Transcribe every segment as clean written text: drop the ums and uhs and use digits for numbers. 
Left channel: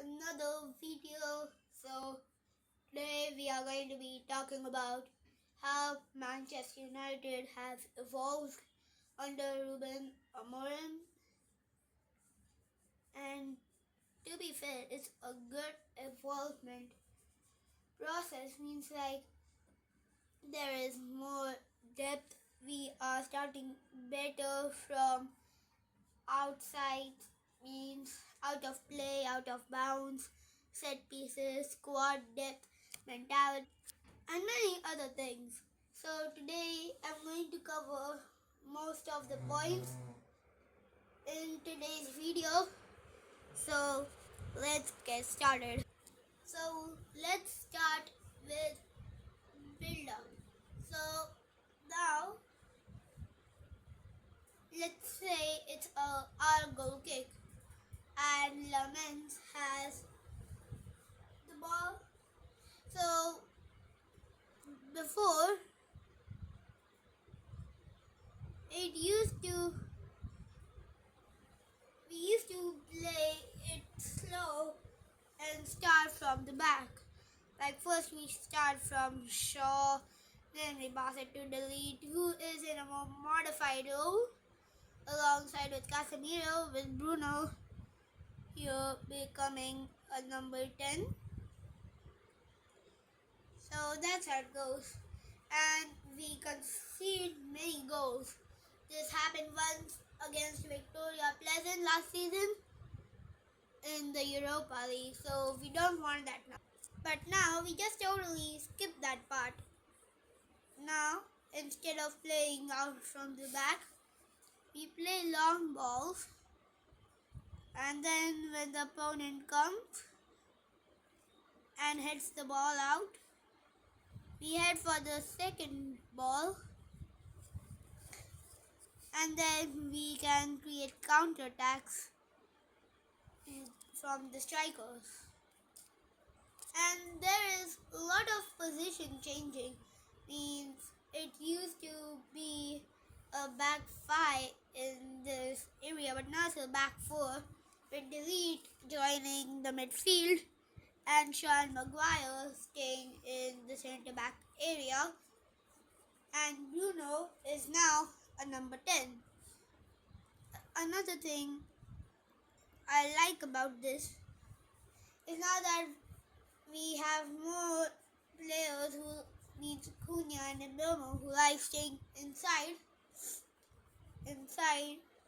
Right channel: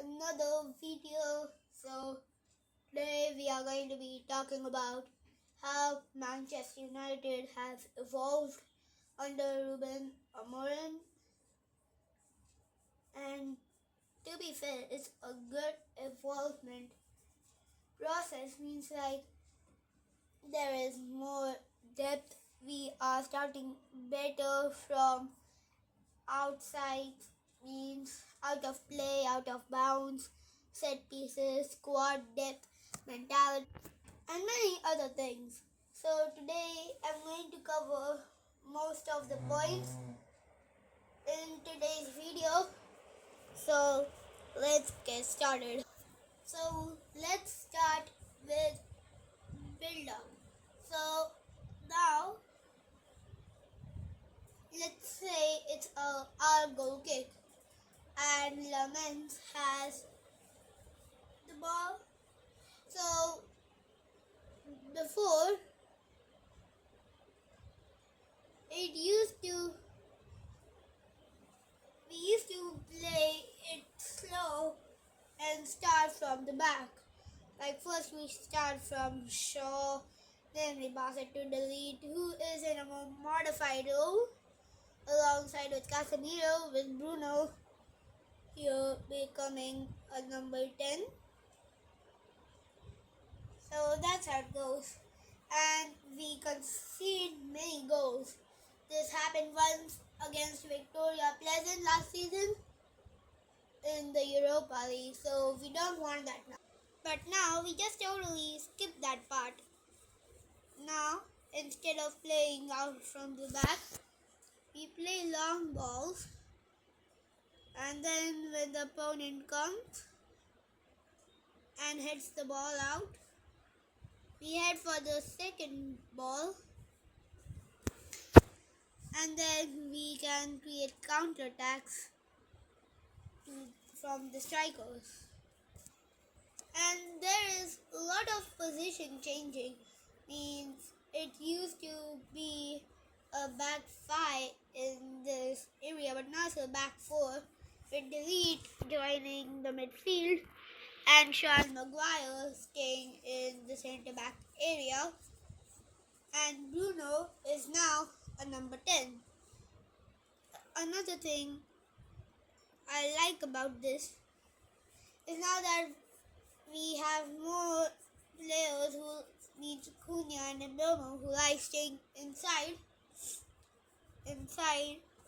another video. So today we are going to be talking about how Manchester United have evolved under Ruben Amorim, and to be fair, it's a good evolvement process. Means like there is more depth. We are starting better from outside, means out of play, out of bounds, set pieces, squad depth, mentality, and many other things. So today I'm going to cover most of the points in today's video. So let's get started. So let's start with build up. So now let's say it's our goal kick and Lamens has the ball. So before we used to play it slow and start from the back. Like first we start from Shaw, then we pass it to Delete, who is in a more modified role, alongside with Casemiro, with Bruno here becoming a number 10. So that's how it goes. And we concede many goals. This happened once against Victoria Pleasant last season in the Europa League, so we don't want that now. But now we just totally skip that part. Now, instead of playing out from the back, we play long balls, and then when the opponent comes and hits the ball out, we head for the second ball, and then we can create counter-attacks from the strikers. And there is a lot of position changing. Means it used to be a back 5 in this area, but now it's a back 4 with Delete joining the midfield and Sean Maguire staying in the centre back area, and Bruno is now a number 10. Another thing I like about this is now that we have more players who need Cunha and Mbeumo, who like staying inside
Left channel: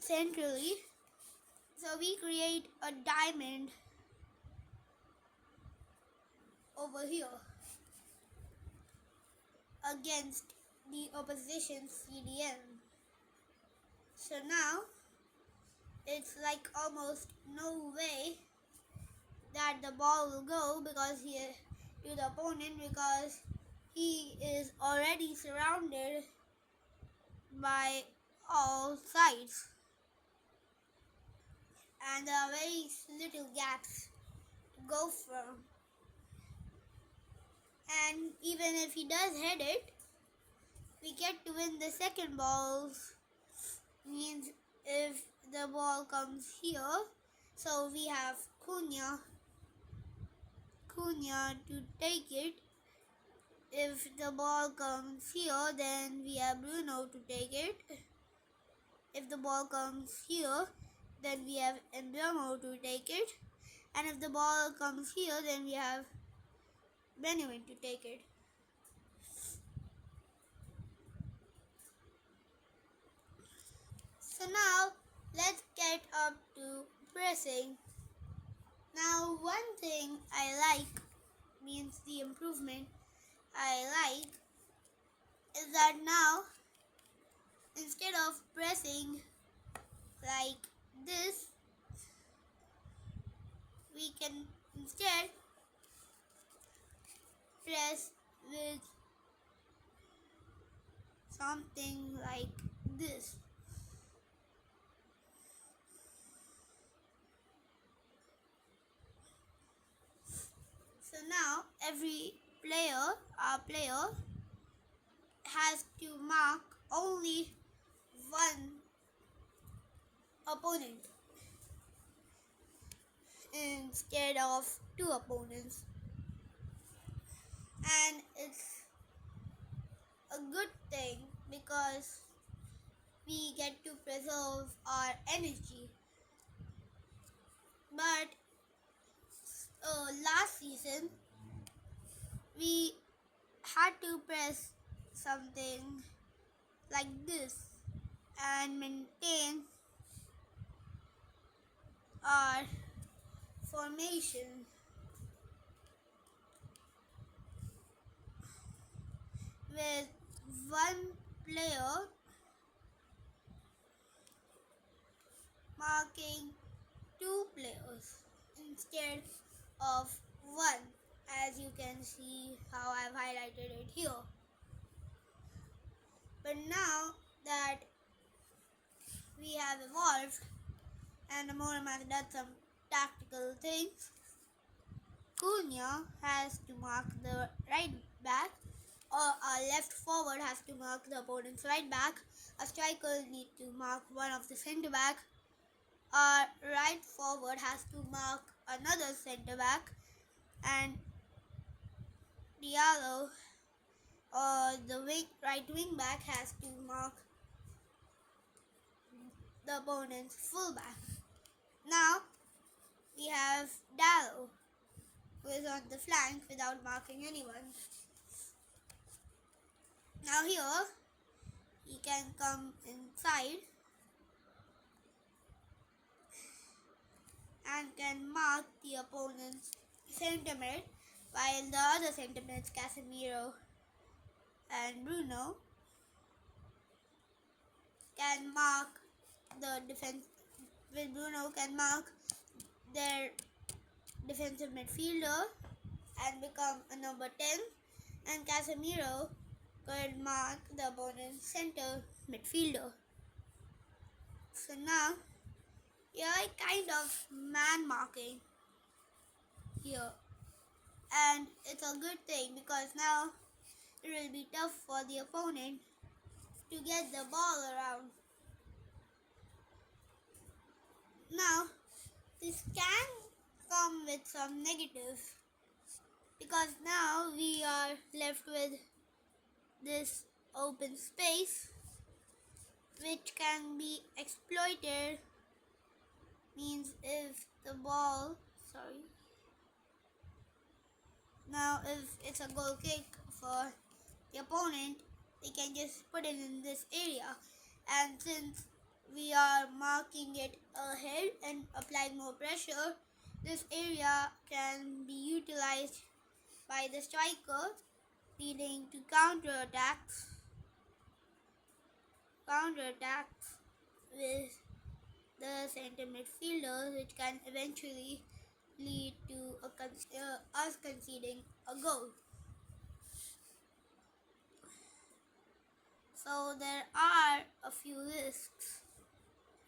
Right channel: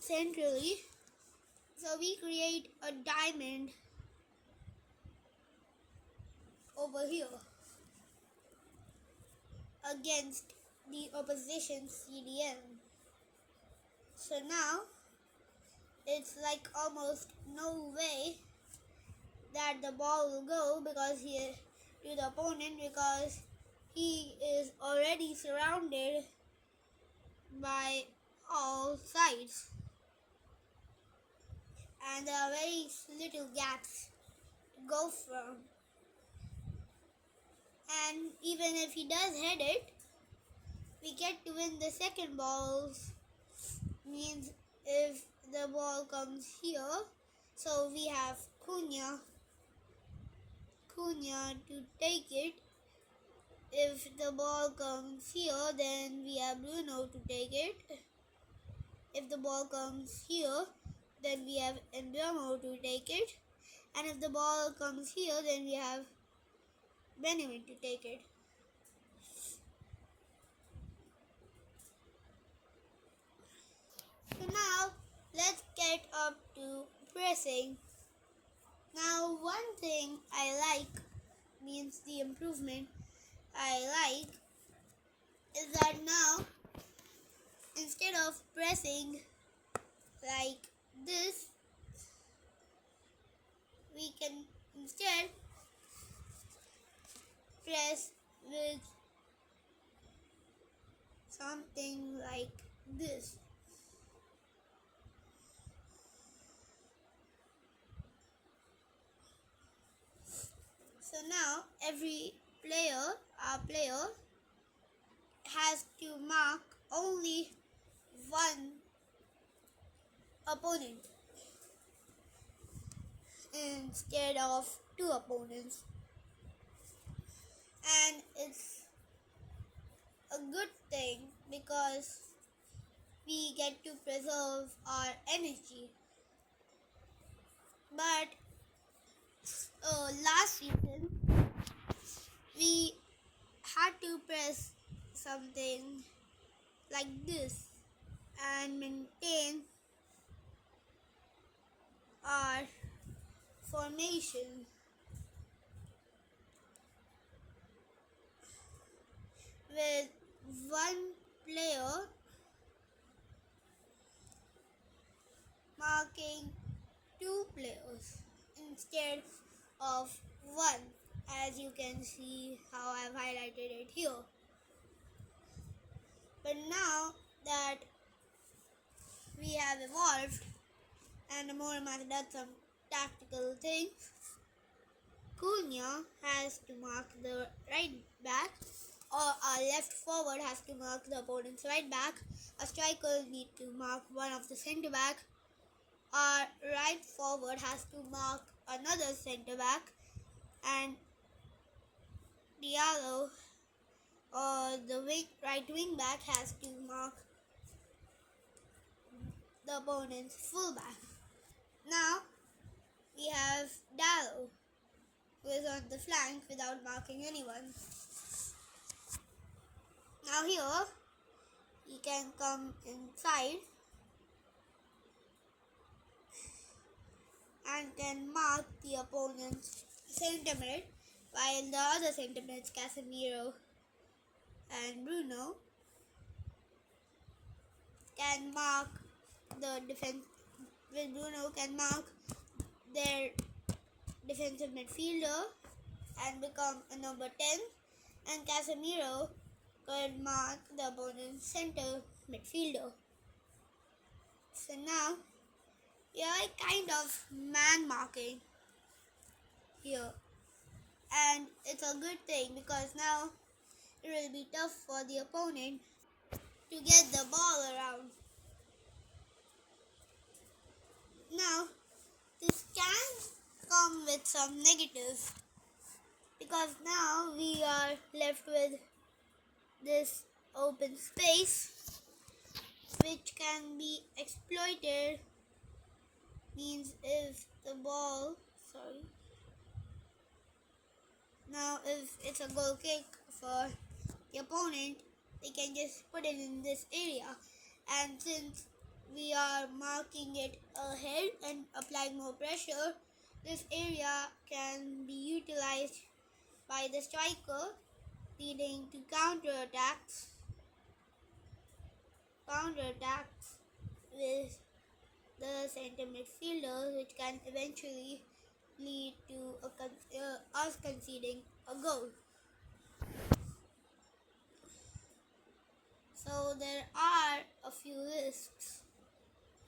centrally. So we create a diamond over here against the opposition CDM. So now it's like almost no way that the ball will go because to the opponent, because he is already surrounded by all sides and there are very little gaps to go from. And even if he does head it, we get to win the second balls. Means if the ball comes here, so we have Cunha to take it. If the ball comes here, then we have Bruno to take it. If the ball comes here, then we have Mbeumo to take it. And if the ball comes here, then we have Benjamin to take it. So now let's get up to pressing. Now one thing I like, means the improvement I like, is that now instead of pressing like this, we can instead press with something like this. So now every our player has to mark only one opponent in instead of 2 opponents. And it's a good thing because we get to preserve our energy. But last season, we had to press something like this and maintain our formation. With one player marking 2 players instead of 1, as you can see how I've highlighted it here. But now that we have evolved and Amorim has done some tactical things, Cunha has to mark the right back, or our left forward has to mark the opponent's right back. A striker needs to mark one of the centre back. Our right forward has to mark another centre back, and Diallo or the right wing back has to mark the opponent's full back. Now we have Diallo, who is on the flank without marking anyone. Now here he can come inside and can mark the opponent's centre mid, while the other centre mids, Casemiro and Bruno, can mark the defense. With Bruno can mark their defensive midfielder and become a number 10, and Casemiro could mark the opponent's center midfielder. So now we are kind of man marking here, and it's a good thing because now it will be tough for the opponent to get the ball around. Now this can come with some negatives because now we are left with this open space which can be exploited. Means if the ball, now if it's a goal kick for the opponent, they can just put it in this area, and since we are marking it ahead and applying more pressure, this area can be utilized by the striker, leading to counterattacks with the center midfielders, which can eventually lead to us conceding a goal. So there are a few risks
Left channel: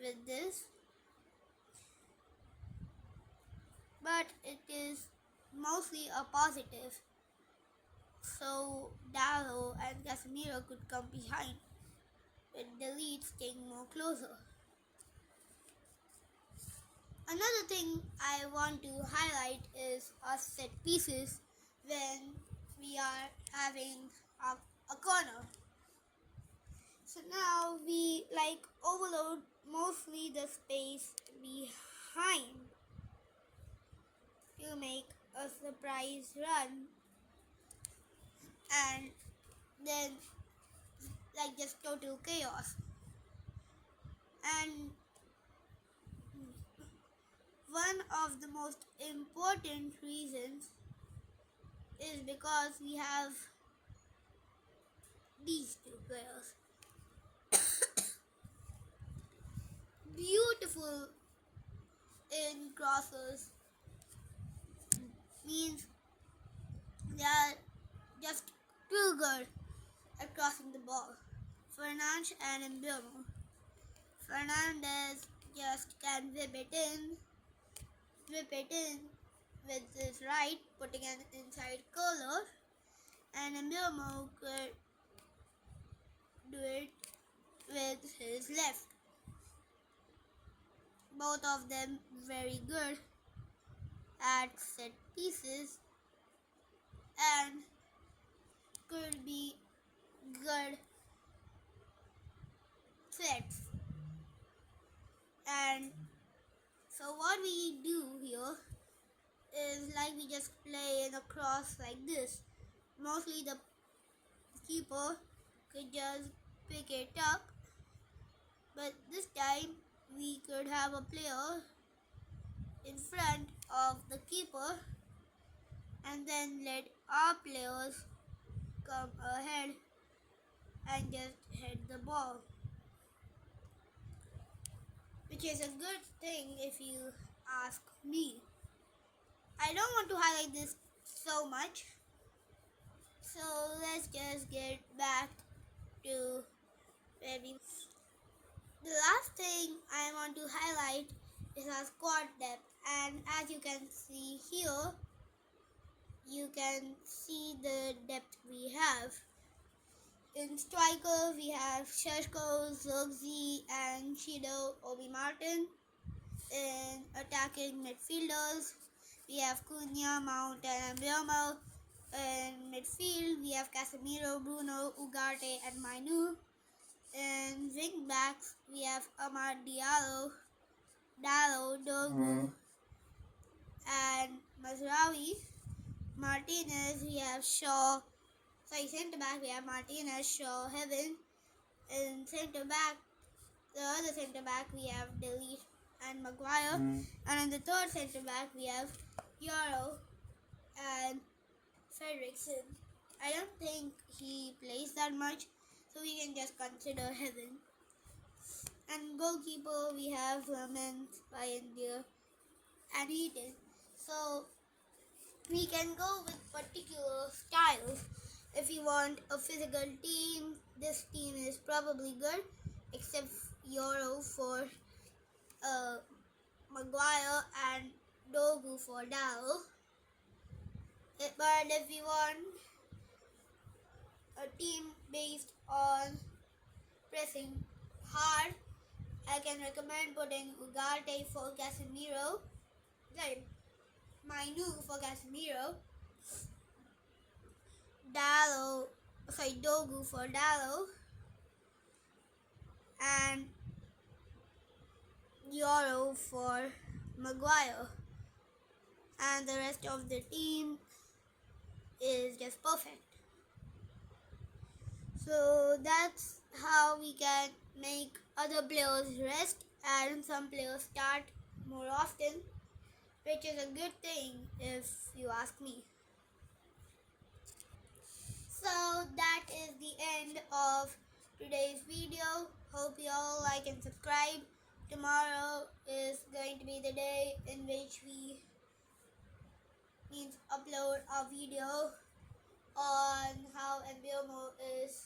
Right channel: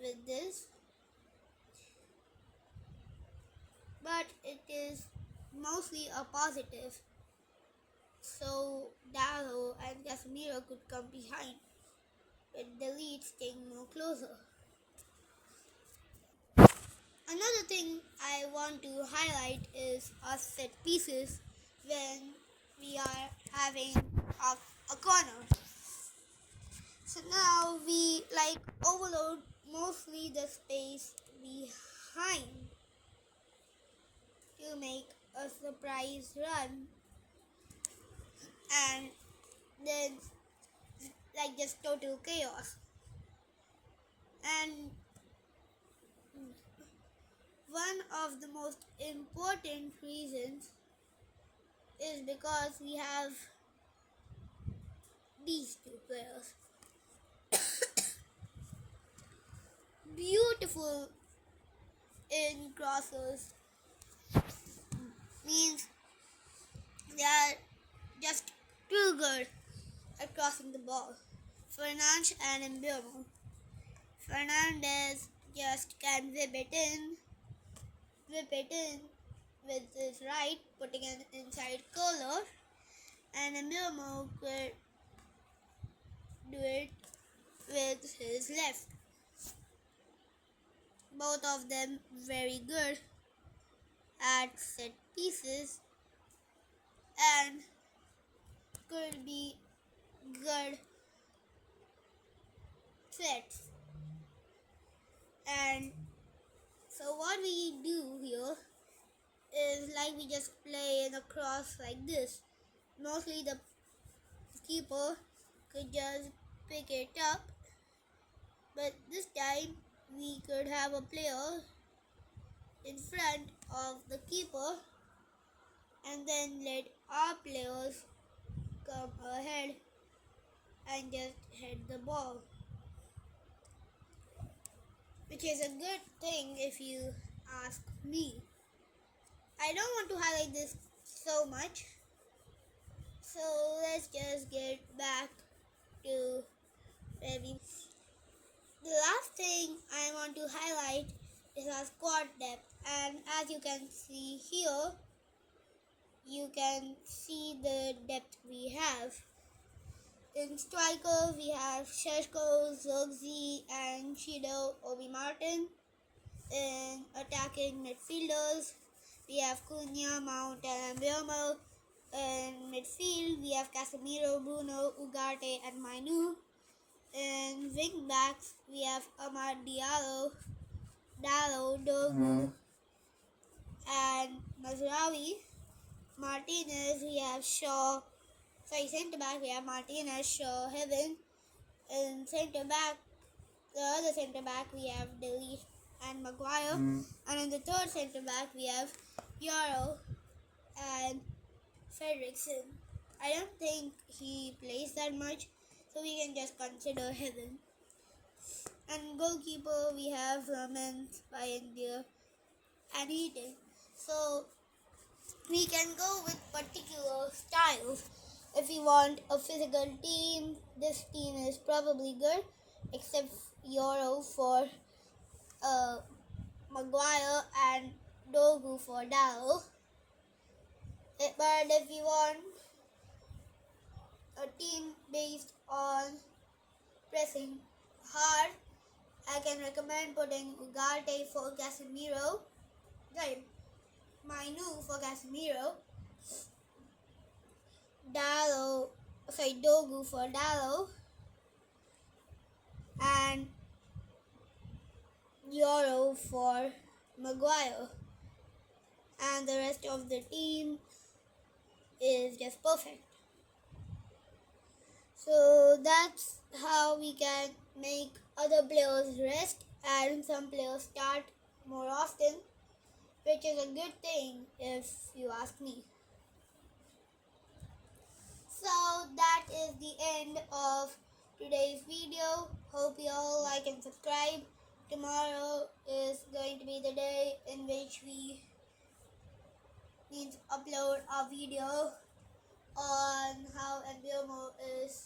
with this, but it is mostly a positive. So Diallo and Casemiro could come behind, with the lead staying more closer. Another thing I want to highlight is our set pieces when we are having a corner. So now we overload mostly the space behind to make a surprise run, and then just total chaos. And one of the most important reasons is because we have these 2 players. Beautiful in crosses, means they are just too good at crossing the ball. Fernandes and Mbeumo. Fernandes just can whip it in with his right, putting an inside curler, and Mbeumo could do it with his left. Both of them very good at set pieces and could be good threats. And so what we do here is like we just play in a cross like this. Mostly the keeper could just pick it up, but this time we could have a player in front of the keeper and then let our players come ahead and just hit the ball, which is a good thing if you ask me. I don't want to highlight this so much, so let's just get back to where we. The last thing I want to highlight is our squad depth, and as you can see here, you can see the depth we have. In striker, we have Sheshko, Zirkzee, and Shido Obi Martin. In attacking midfielders, we have Cunha, Mount, and Mbeumo. In midfield, we have Casemiro, Bruno, Ugarte, and Mainu. In wing backs, we have Amad Diallo, Dallo, Dogu, and Mazraoui. Martinez, we have Shaw. Centre back, we have Martinez, Shaw, Heaven. In centre back, the other centre back, we have Delete and Maguire. And in the third centre back, we have Yarrow and Fredrickson. I don't think he plays that much, so we can just consider Heaven. And goalkeeper, we have Raman, Pioneer, and Eden. So we can go with particular styles. If you want a physical team, this team is probably good, except Euro for Maguire and Dogu for Dallo. But if you want a team based on pressing hard, I can recommend putting Ugarte for Casemiro, Mainu for Casemiro, Dogu for Dallo, and Euro for Maguire. And the rest of the team is just perfect. So that's how we can make other players rest and some players start more often, which is a good thing if you ask me. So that is the end of today's video. Hope you all like and subscribe. Tomorrow is going to be the day in which we upload a video on how Mbeumo is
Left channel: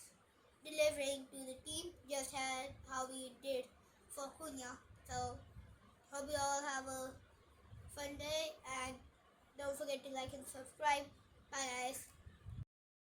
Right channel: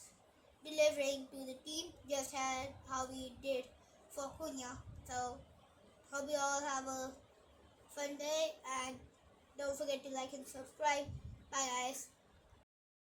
delivering to the team, just as how we did for Cunha. So hope you all have a fun day and don't forget to like and subscribe. Bye guys.